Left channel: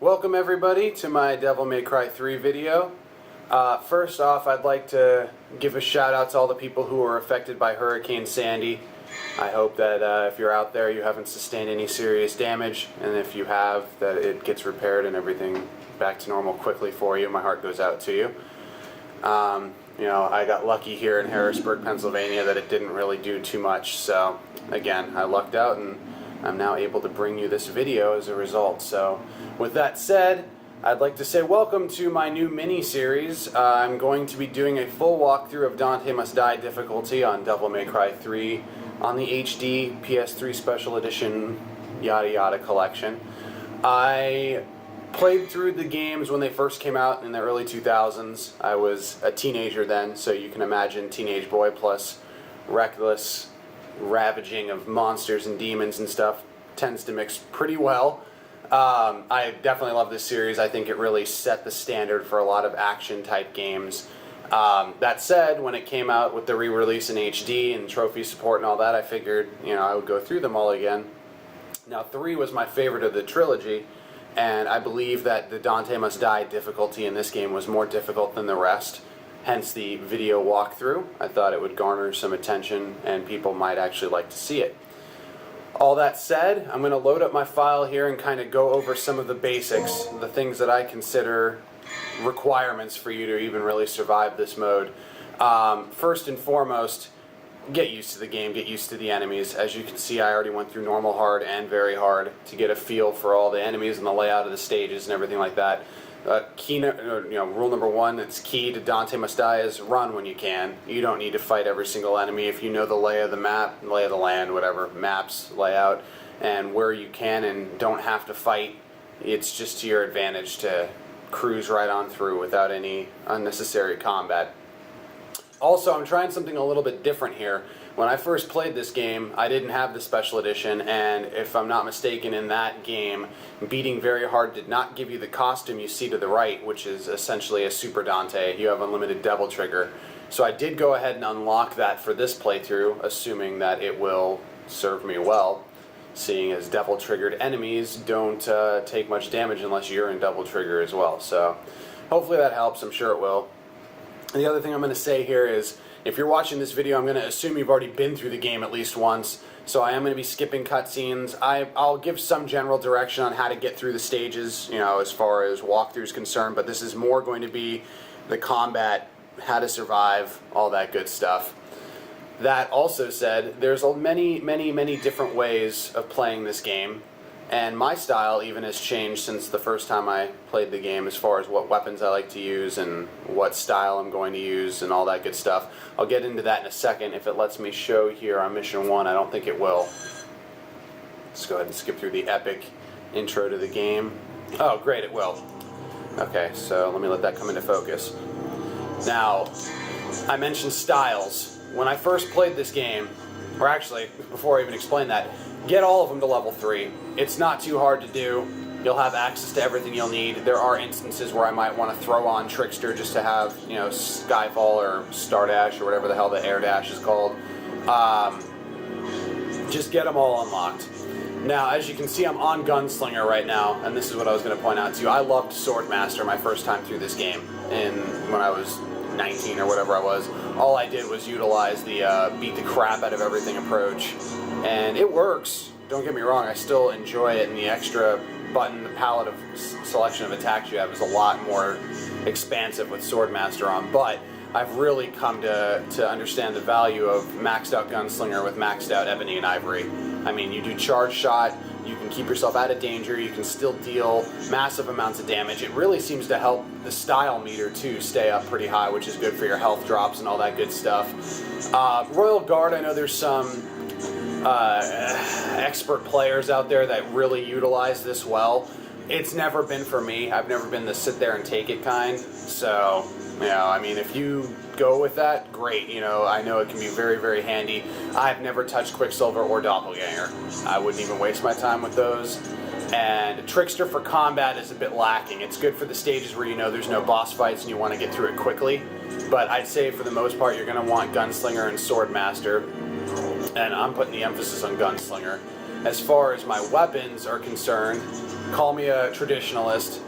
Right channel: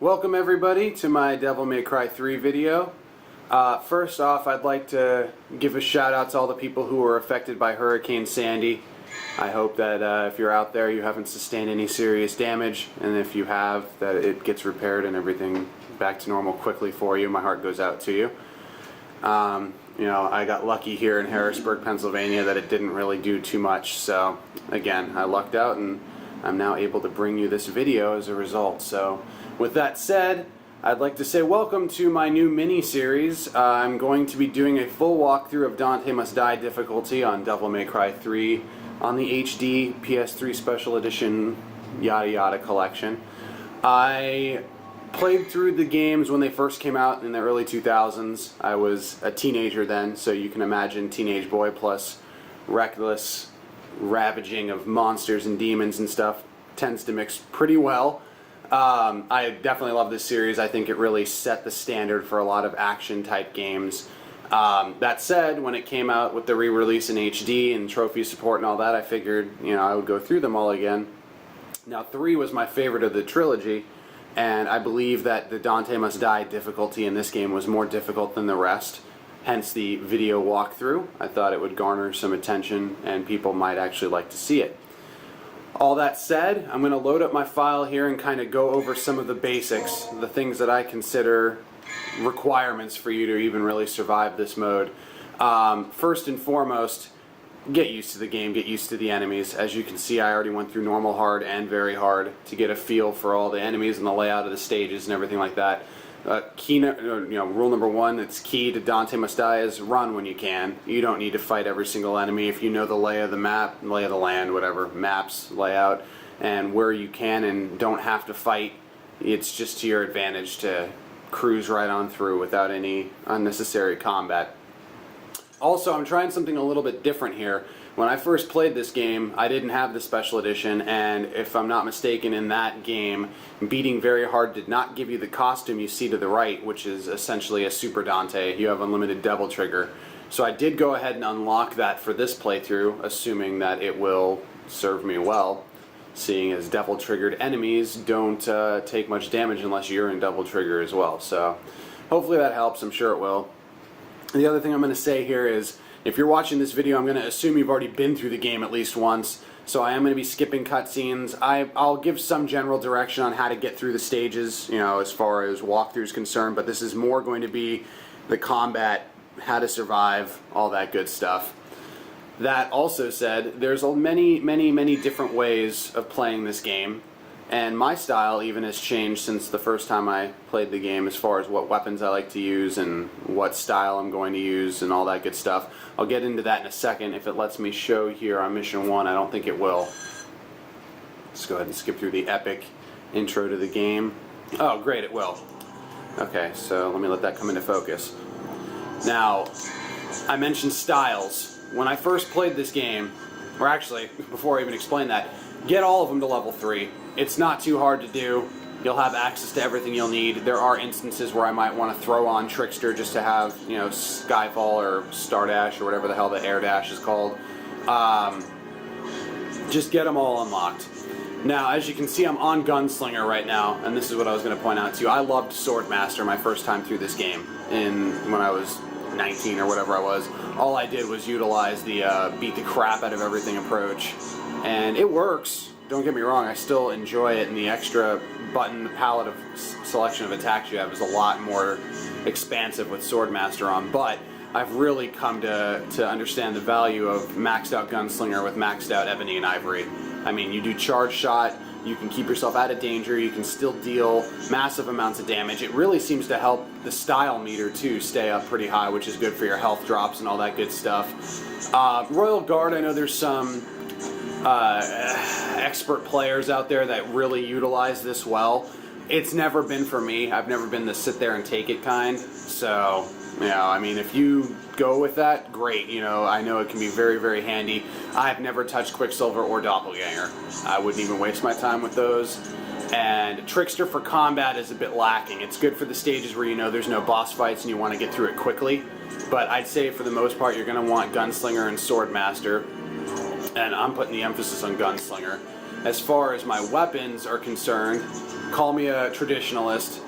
Welcome everybody to my Devil May Cry 3 video. First off, I'd like to give a shout out to all the people who were affected by Hurricane Sandy. I hope that if you're out there you haven't sustained any serious damage, and if you have, that it gets repaired and everything back to normal quickly for you. My heart goes out to you. I got lucky here in Harrisburg, Pennsylvania, that it didn't really do too much, so again, I lucked out and I'm now able to bring you this video as a result. So with that said, I'd like to say welcome to my new mini-series. I'm going to be doing a full walkthrough of Dante Must Die difficulty on Devil May Cry 3 on the HD PS3 Special Edition yada yada collection. I played through the games when they first came out in the early 2000s. I was a teenager then, so you can imagine teenage boy plus reckless ravaging of monsters and demons and stuff tends to mix pretty well. I definitely love this series. I think it really set the standard for a lot of action type games. That said, when it came out with the re-release in HD and trophy support and all that, I figured, I would go through them all again. Now, 3 was my favorite of the trilogy, and I believe that the Dante Must Die difficulty in this game was more difficult than the rest. Hence the video walkthrough. I thought it would garner some attention and people might actually like to see it. All that said, I'm going to load up my file here and kind of go over some of the basics, the things that I consider requirements for you to even really survive this mode. First and foremost, get used to the game, get used to the enemies. As you can see, I already went through normal, hard, and very hard to get a feel for all the enemies and the layout of the stages and everything like that. Rule number 1 that's key to Dante Must Die is run when you can. You don't need to fight every single enemy. If you know the lay of the map, lay of the land, whatever, maps, layout, and where you can and don't have to fight, it's just to your advantage to cruise right on through without any unnecessary combat. Also, I'm trying something a little bit different here. When I first played this game, I didn't have the special edition, and if I'm not mistaken, in that game, beating very hard did not give you the costume you see to the right, which is essentially a Super Dante. You have unlimited Devil Trigger. So I did go ahead and unlock that for this playthrough, assuming that it will serve me well, seeing as Devil Triggered enemies don't take much damage unless you're in Devil Trigger as well. So hopefully that helps. I'm sure it will. The other thing I'm going to say here is, if you're watching this video, I'm going to assume you've already been through the game at least once, so I am going to be skipping cutscenes. I'll give some general direction on how to get through the stages, as far as walkthrough is concerned, but this is more going to be the combat, how to survive, all that good stuff. That also said, there's many, many, many different ways of playing this game, and my style even has changed since the first time I played the game as far as what weapons I like to use and what style I'm going to use and all that good stuff. I'll get into that in a second if it lets me show here on Mission 1. I don't think it will. Let's go ahead and skip through the epic intro to the game. Oh, great, it will. Okay, so let me let that come into focus. Now, I mentioned styles. When I first played this game, or actually, before I even explain that, get all of them to level 3. It's not too hard to do. You'll have access to everything you'll need. There are instances where I might want to throw on Trickster just to have, Skyfall or Star Dash or whatever the hell the Air Dash is called. Just get them all unlocked. Now, as you can see, I'm on Gunslinger right now, and this is what I was going to point out to you. I loved Swordmaster my first time through this game, when I was 19 or whatever I was. All I did was utilize the beat the crap out of everything approach, and it works. Don't get me wrong, I still enjoy it, and the extra button, the palette of selection of attacks you have is a lot more expansive with Swordmaster on, but I've really come to understand the value of maxed out Gunslinger with maxed out Ebony and Ivory. I mean, you do charge shot, you can keep yourself out of danger, you can still deal massive amounts of damage. It really seems to help the style meter, too, stay up pretty high, which is good for your health drops and all that good stuff. Royal Guard, I know there's some expert players out there that really utilize this well. It's never been for me. I've never been the sit there and take it kind. So, I mean, if you go with that, great. I know it can be very, very handy. I've never touched Quicksilver or Doppelganger. I wouldn't even waste my time with those. And Trickster for combat is a bit lacking. It's good for the stages where there's no boss fights and you want to get through it quickly. But I'd say for the most part, you're going to want Gunslinger and Swordmaster. And I'm putting the emphasis on Gunslinger. as far as my weapons are concerned, call me a traditionalist,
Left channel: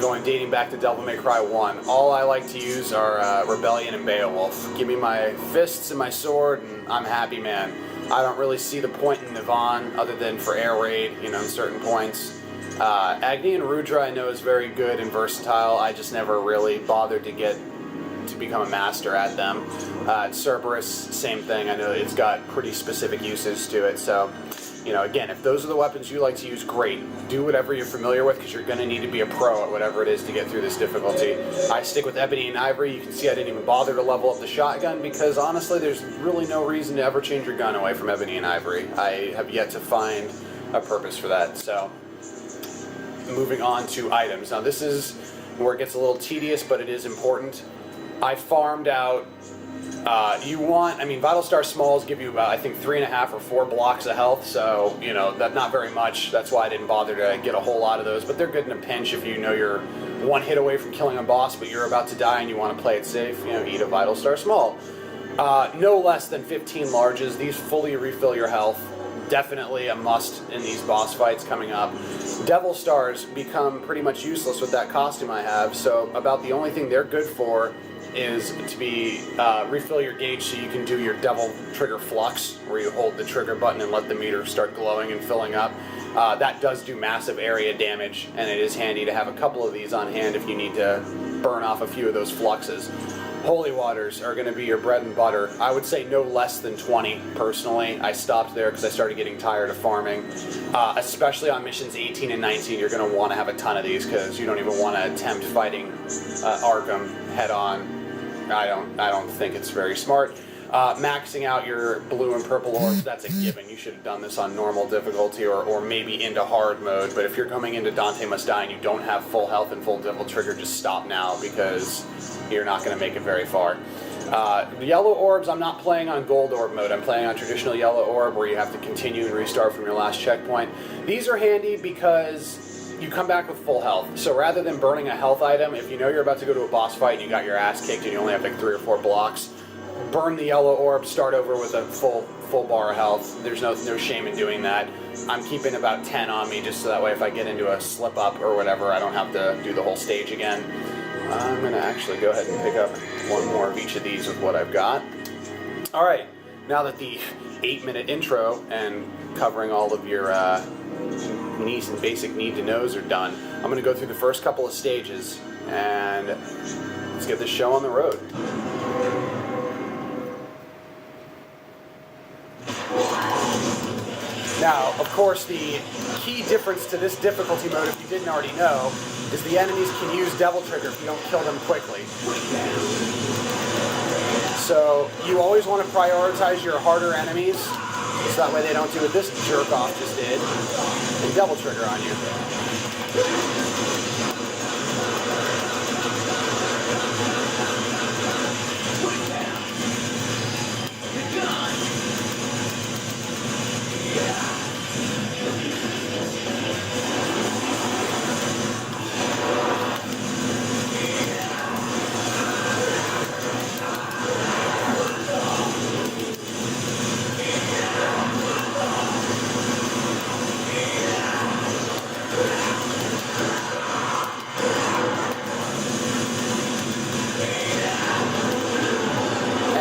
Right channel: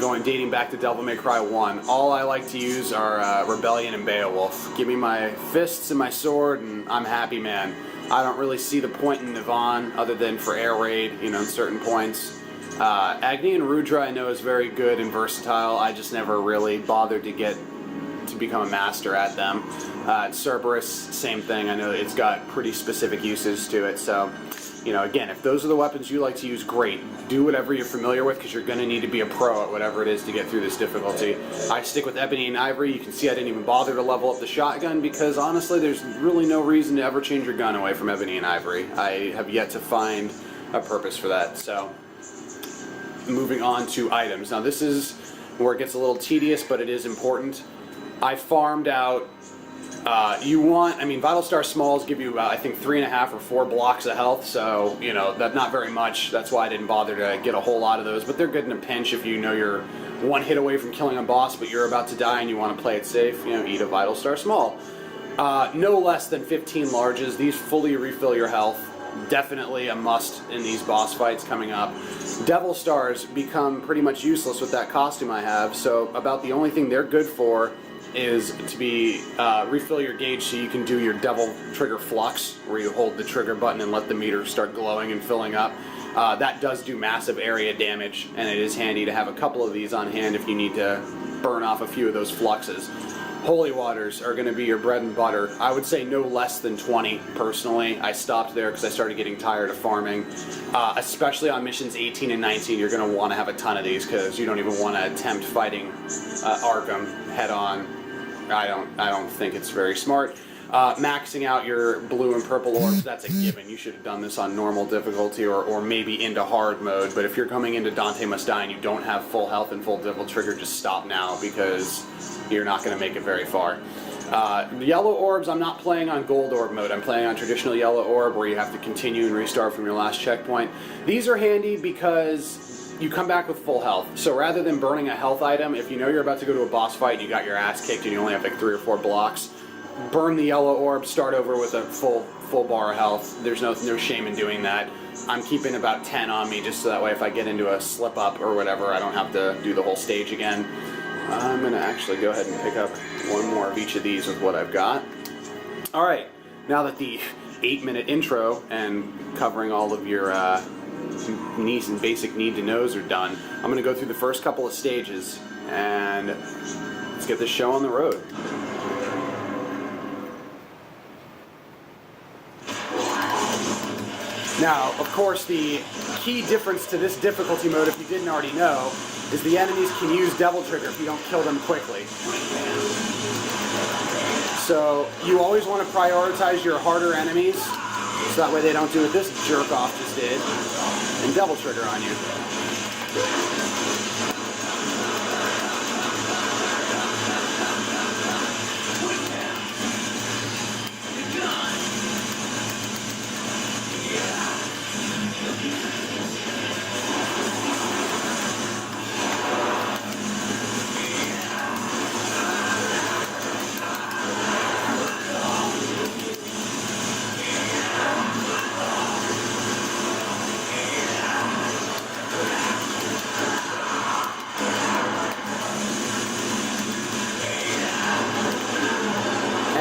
going dating back to Devil May Cry 1. All I like to use are Rebellion and Beowulf. Give me my fists and my sword, and I'm happy, man. I don't really see the point in Nirvan other than for air raid, you know, in certain points. Agni and Rudra I know is very good and versatile. I just never really bothered to become a master at them. Cerberus, same thing. I know it's got pretty specific uses to it. So, you know, again, if those are the weapons you like to use, great. Do whatever you're familiar with, because you're going to need to be a pro at whatever it is to get through this difficulty. I stick with Ebony and Ivory. You can see I didn't even bother to level up the shotgun, because honestly, there's really no reason to ever change your gun away from Ebony and Ivory. I have yet to find a purpose for that. So, moving on to items. Now, this is where it gets a little tedious, but it is important. I farmed out, Vital Star Smalls give you, I think, 3.5 or 4 blocks of health, so, you know, that's not very much. That's why I didn't bother to get a whole lot of those, but they're good in a pinch if you know you're one hit away from killing a boss, but you're about to die and you want to play it safe, you know, eat a Vital Star Small. No less than 15 larges. These fully refill your health. Definitely a must in these boss fights coming up. Devil Stars become pretty much useless with that costume I have, so about the only thing they're good for is to be refill your gauge so you can do your Devil Trigger Flux, where you hold the trigger button and let the meter start glowing and filling up. That does do massive area damage, and it is handy to have a couple of these on hand if you need to burn off a few of those fluxes. Holy Waters are going to be your bread and butter. I would say no less than 20, personally. I stopped there because I started getting tired of farming. Especially on missions 18 and 19, you're going to want to have a ton of these, because you don't even want to attempt fighting Arkham head-on. I don't think it's very smart. Maxing out your blue and purple orbs, that's a given. You should have done this on normal difficulty or maybe into hard mode, but if you're coming into Dante Must Die and you don't have full health and full Devil Trigger, just stop now, because you're not going to make it very far. Yellow orbs, I'm not playing on gold orb mode. I'm playing on traditional yellow orb, where you have to continue and restart from your last checkpoint. These are handy because you come back with full health. So rather than burning a health item, if you know you're about to go to a boss fight and you got your ass kicked and you only have like 3 or 4 blocks, burn the yellow orb, start over with a full bar of health. There's no shame in doing that. I'm keeping about 10 on me, just so that way if I get into a slip up or whatever, I don't have to do the whole stage again. I'm going to actually go ahead and pick up one more of each of these with what I've got. Alright, now that the 8-minute intro and covering all of your needs and basic need to knows are done, I'm going to go through the first couple of stages, and let's get this show on the road. Now, of course, the key difference to this difficulty mode, if you didn't already know, is the enemies can use Devil Trigger if you don't kill them quickly. So, you always want to prioritize your harder enemies, so that way they don't do what this jerk-off just did, and Devil Trigger on you.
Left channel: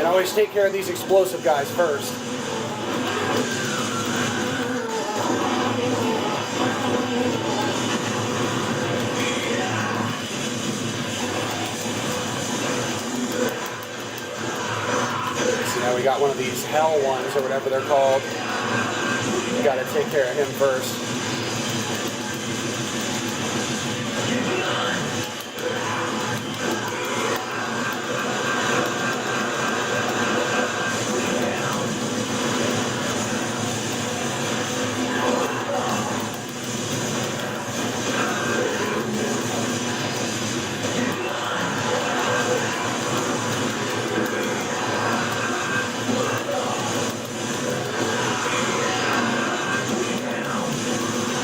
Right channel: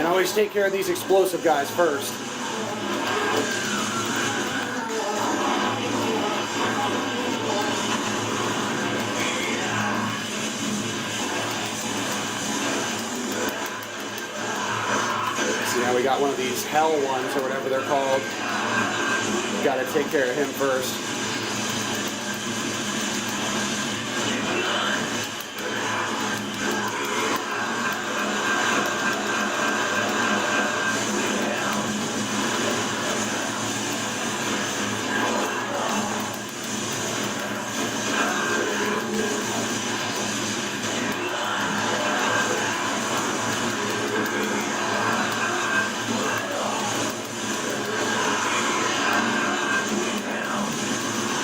Always take care of these explosive guys first. So now we got one of these hell ones, or whatever they're called. Got to take care of him first.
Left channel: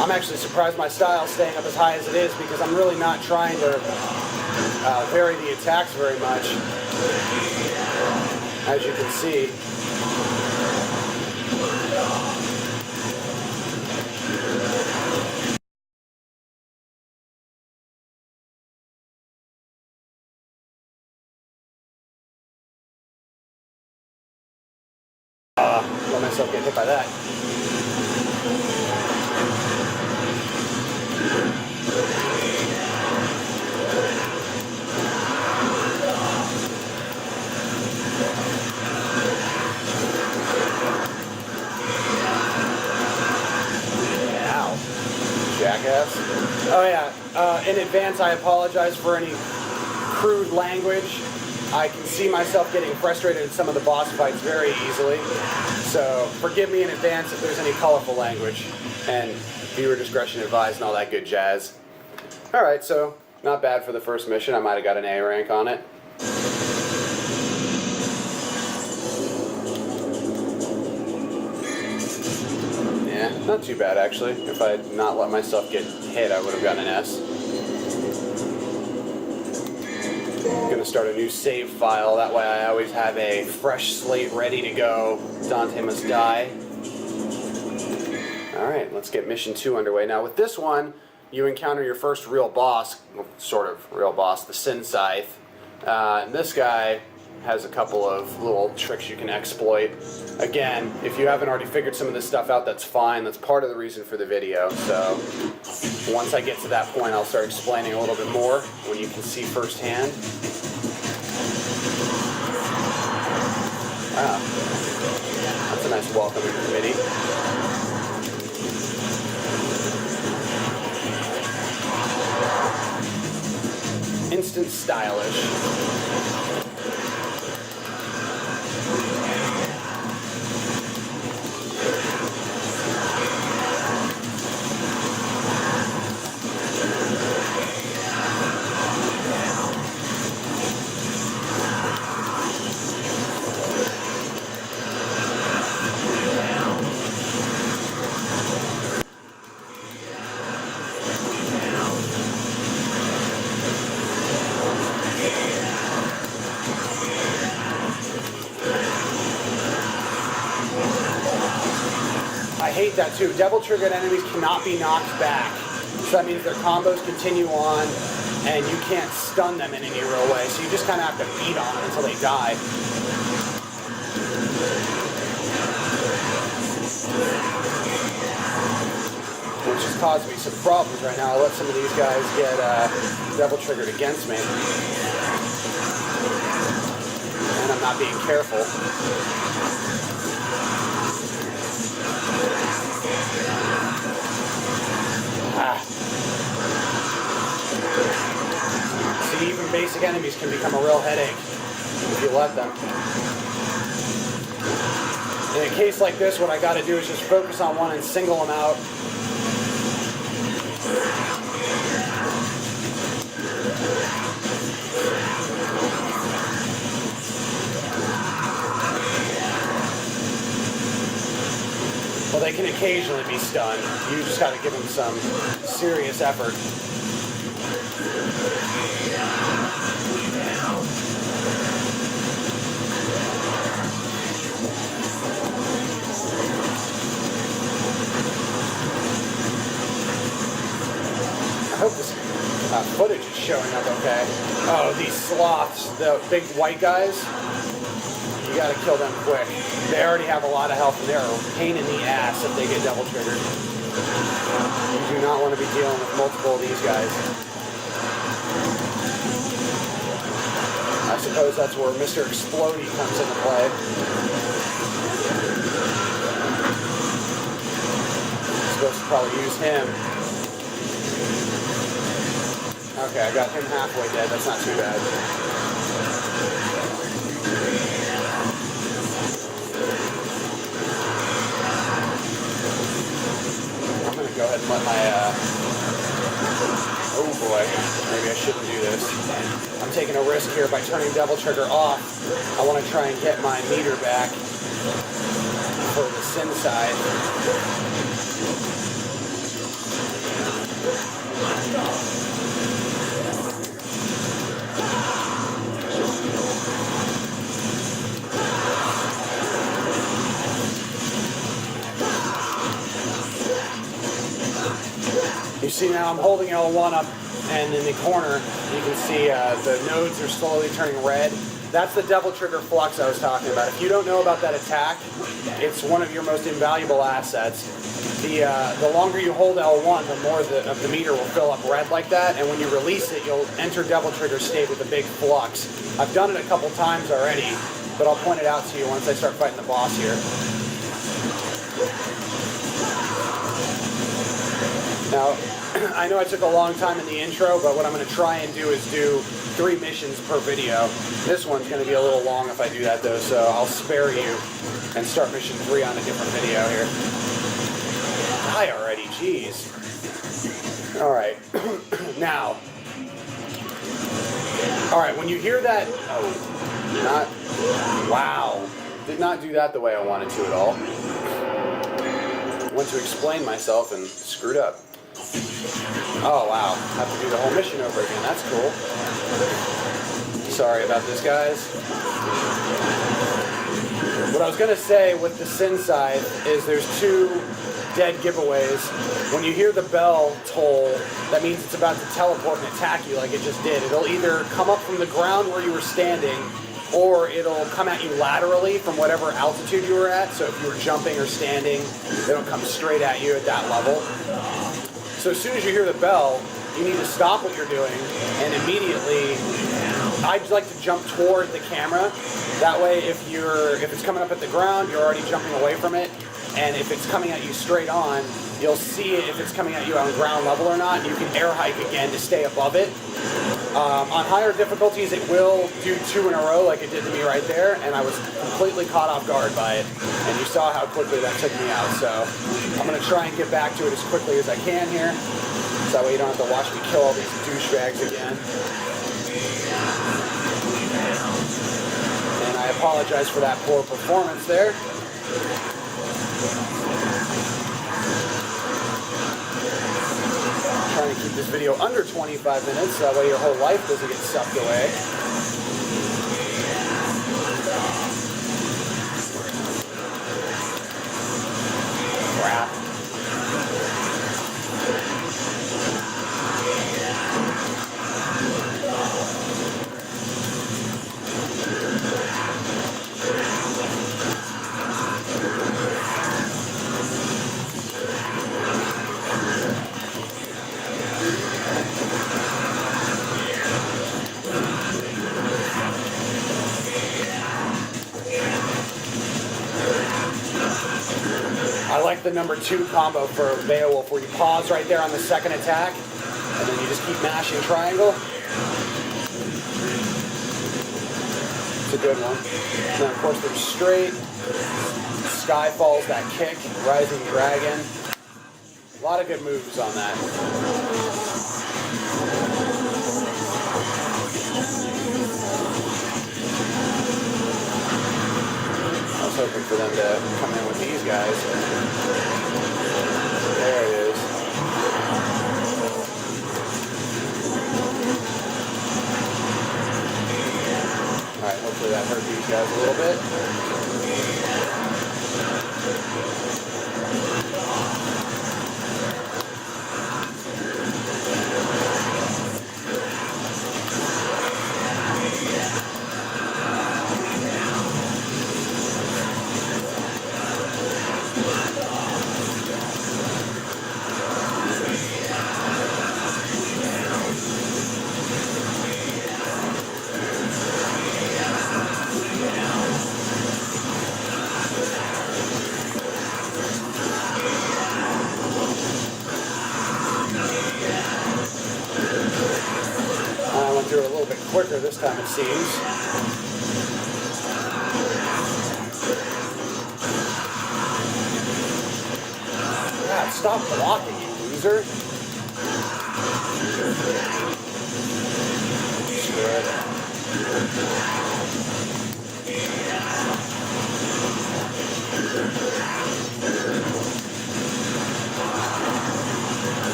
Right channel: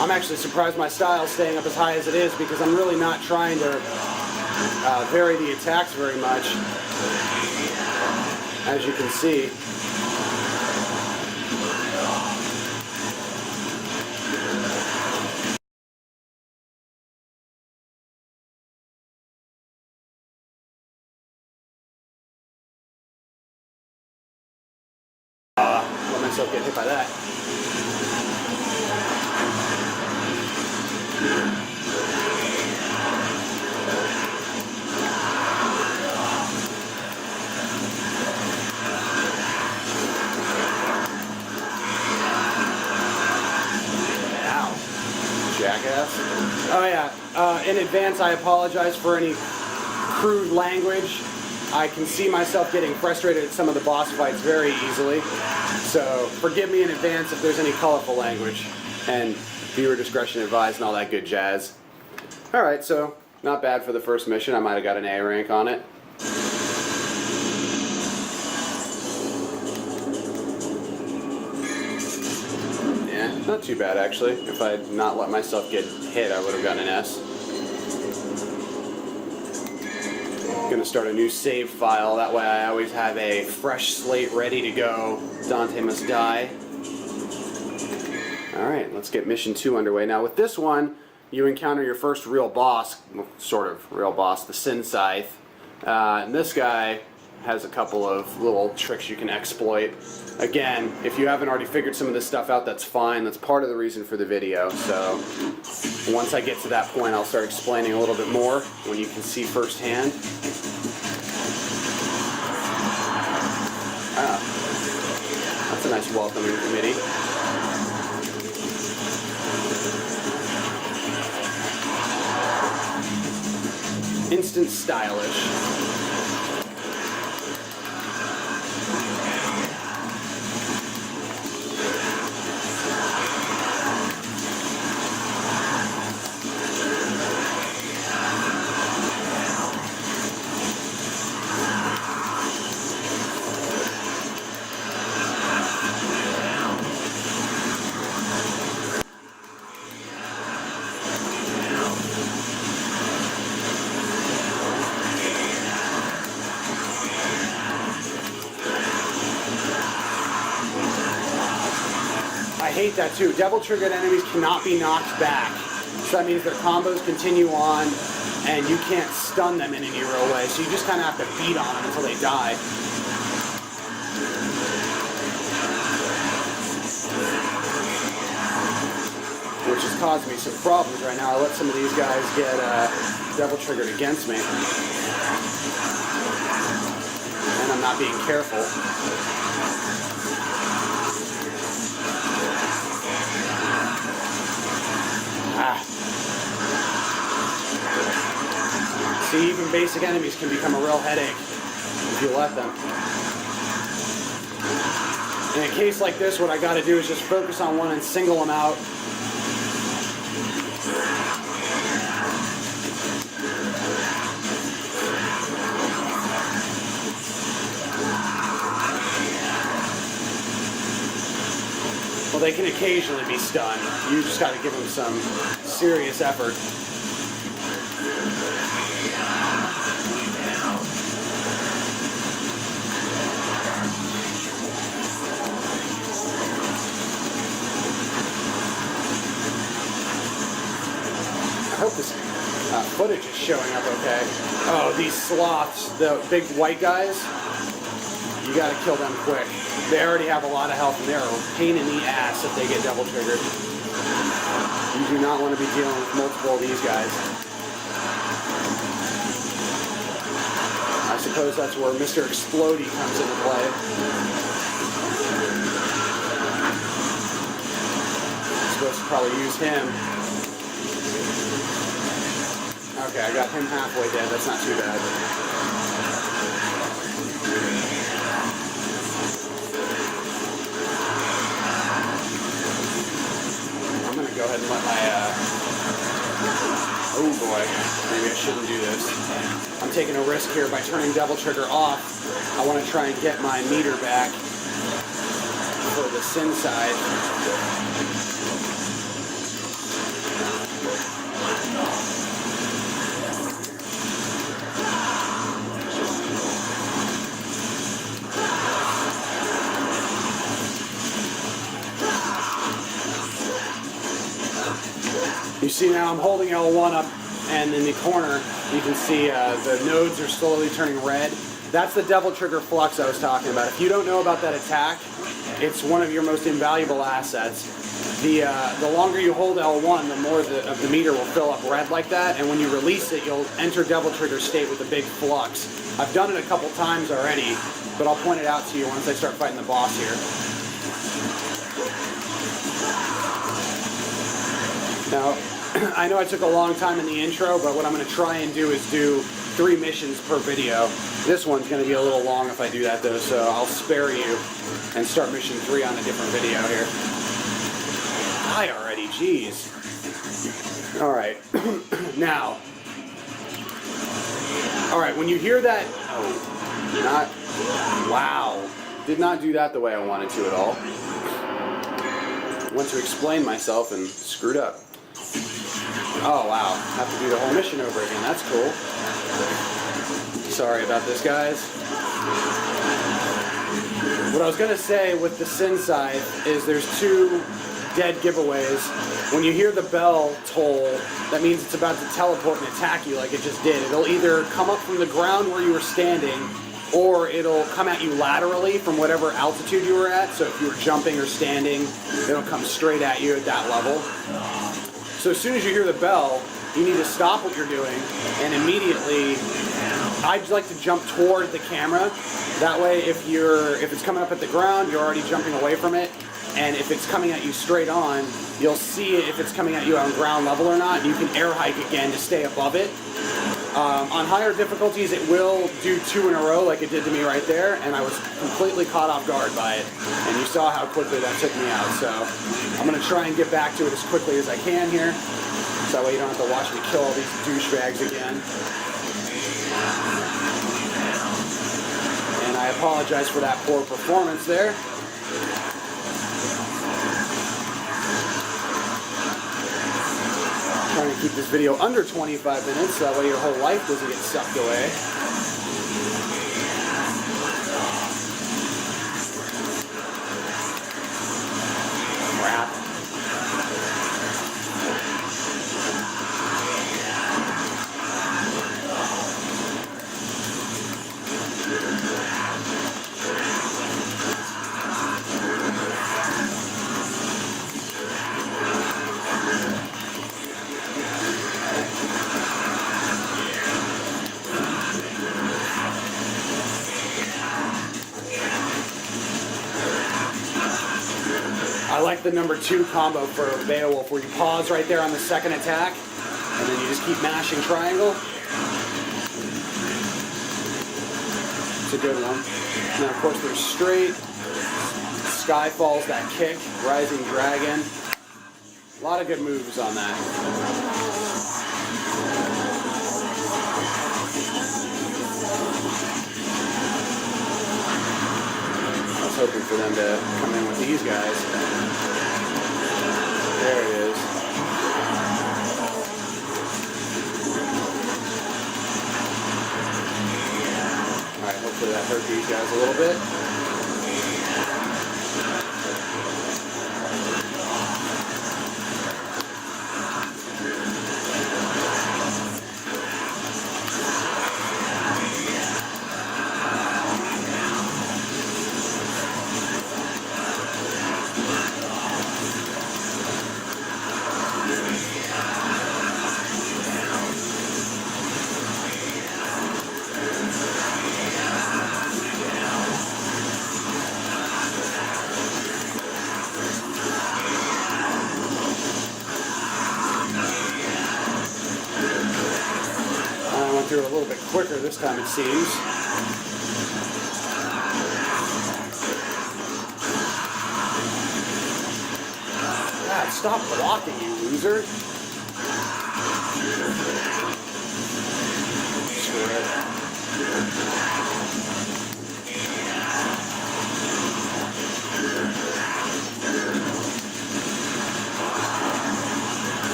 I'm actually surprised my style's staying up as high as it is, because I'm really not trying to vary the attacks very much, as you can see. myself get hit by that. Jackass. Oh yeah, in advance I apologize for any crude language. I can see myself getting frustrated at some of the boss fights very easily, so forgive me in advance if there's any colorful language, and viewer discretion advised and all that good jazz. Alright, so not bad for the first mission. I might have got an A rank on it. Not too bad, actually. If I had not let myself get hit, I would have gotten an S. I'm going to start a new save file. That way I always have a fresh slate ready to go. Dante Must Die. Alright, let's get mission 2 underway. Now, with this one, you encounter your first real boss, sort of real boss, the Sin Scythe. And this guy has a couple of little tricks you can exploit. Again, if you haven't already figured some of this stuff out, that's fine. That's part of the reason for the video. So once I get to that point, I'll start explaining a little bit more when you can see firsthand. Ah, that's a nice welcoming committee. Instant stylish. I hate that too. Devil-triggered enemies cannot be knocked back. So that means their combos continue on, and you can't stun them in any real way. So you just kind of have to beat on them until they die. Which has caused me some problems right now. I let some of these guys get devil-triggered against me. And I'm not being careful. See, even basic enemies can become a real headache if you let them. In a case like this, what I got to do is just focus on one and single them out. Well, they can occasionally be stunned. You just got to give them some serious effort. I hope this footage is showing up okay. Oh, these sloths, the big white guys, you gotta kill them quick. They already have a lot of health and they're a pain in the ass if they get double triggered. You do not want to be dealing with multiple of these guys. I suppose that's where Mr. Explodey comes into play. I'm supposed to probably use him. Okay, I got him halfway dead. That's not too bad. I'm going to go ahead and let my... Oh boy, maybe I shouldn't do this. I'm taking a risk here by turning Devil Trigger off. I want to try and get my meter back for the Sin side. You see now I'm holding L1 up, and in the corner you can see the nodes are slowly turning red. That's the devil trigger flux I was talking about. If you don't know about that attack, it's one of your most invaluable assets. The longer you hold L1, the more of the meter will fill up red like that, and when you release it, you'll enter devil trigger state with a big flux. I've done it a couple times already, but I'll point it out to you once I start fighting the boss here. Now, I know I took a long time in the intro, but what I'm going to try and do is do 3 missions per video. This one's going to be a little long if I do that though, so I'll spare you and start mission 3 on a different video here. Die already, jeez. Alright, now. Alright, when you hear that, wow. Did not do that the way I wanted to at all. Went to explain myself and screwed up. Oh wow, have to do the whole mission over again, that's cool. Sorry about this, guys. What I was going to say with the sin side is there's 2 dead giveaways. When you hear the bell toll, that means it's about to teleport and attack you like it just did. It'll either come up from the ground where you were standing, or it'll come at you laterally from whatever altitude you were at. So if you were jumping or standing, it'll come straight at you at that level. So as soon as you hear the bell, you need to stop what you're doing and immediately, I'd like to jump toward the camera. That way, if it's coming up at the ground, you're already jumping away from it. And if it's coming at you straight on, you'll see it if it's coming at you on ground level or not. You can air hike again to stay above it. On higher difficulties, it will do 2 in a row like it did to me right there, and I was completely caught off guard by it. And you saw how quickly that took me out. So I'm going to try and get back to it as quickly as I can here. So that way you don't have to watch me kill all these douchebags again. And I apologize for that poor performance there. Trying to keep this video under 25 minutes, so that way your whole life doesn't get sucked away. Crap. I like the number 2 combo for Beowulf, where you pause right there on the second attack, and then you just keep mashing triangle. It's a good one. Now, of course, there's straight, Skyfall's that kick, Rising Dragon. A lot of good moves on that. Hoping for them to come in with these guys. There it is. Alright, hopefully that hurt these guys a little bit. Through it a little bit quicker this time, it seems. God, stop blocking, you loser. Screw it.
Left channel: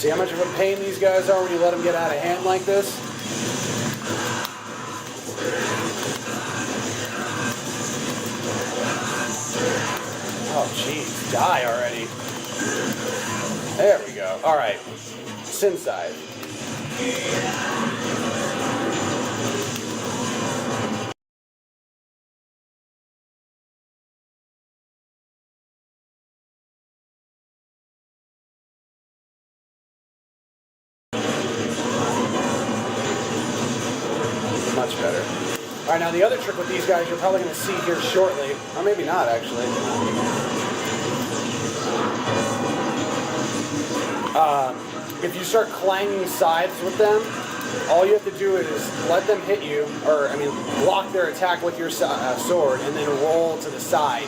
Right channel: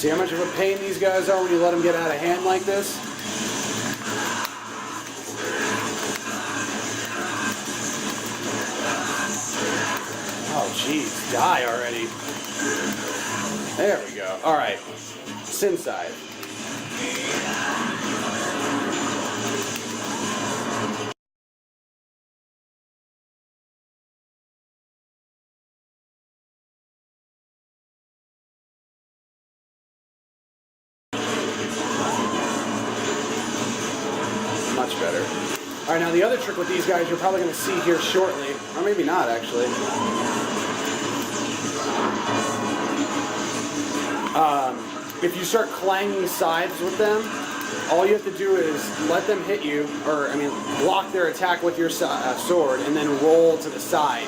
See how much of a pain these guys are when you let them get out of hand like this? Oh, jeez, die already. There we go. All right, Sin side. Much better. All right, now the other trick with these guys you're probably going to see here shortly, or maybe not actually. If you start clanging sides with them, all you have to do is let them hit you, or block their attack with your sword, and then roll to the side.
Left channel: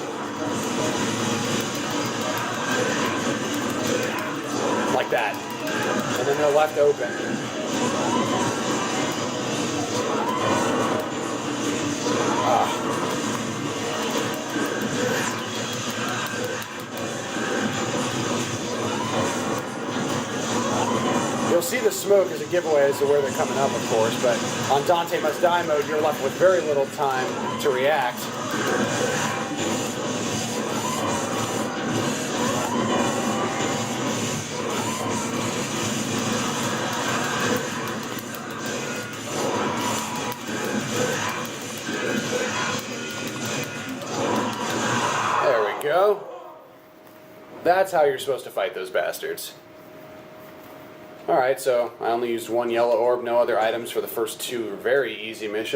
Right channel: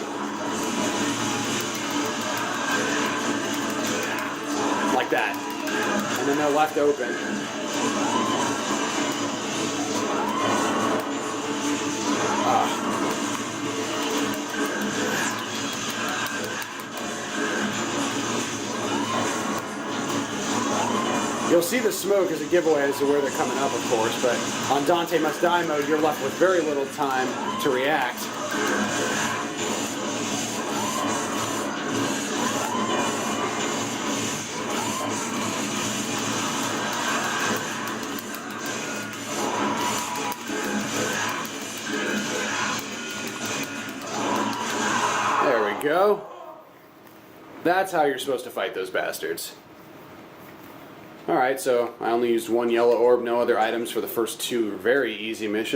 Like that. And then they're left open. You'll see the smoke as a giveaway as to where they're coming up, of course, but on Dante Must Die mode, you're left with very little time to react. There we go. That's how you're supposed to fight those bastards. Alright, so I only used one yellow orb, no other items for the first two very easy missions.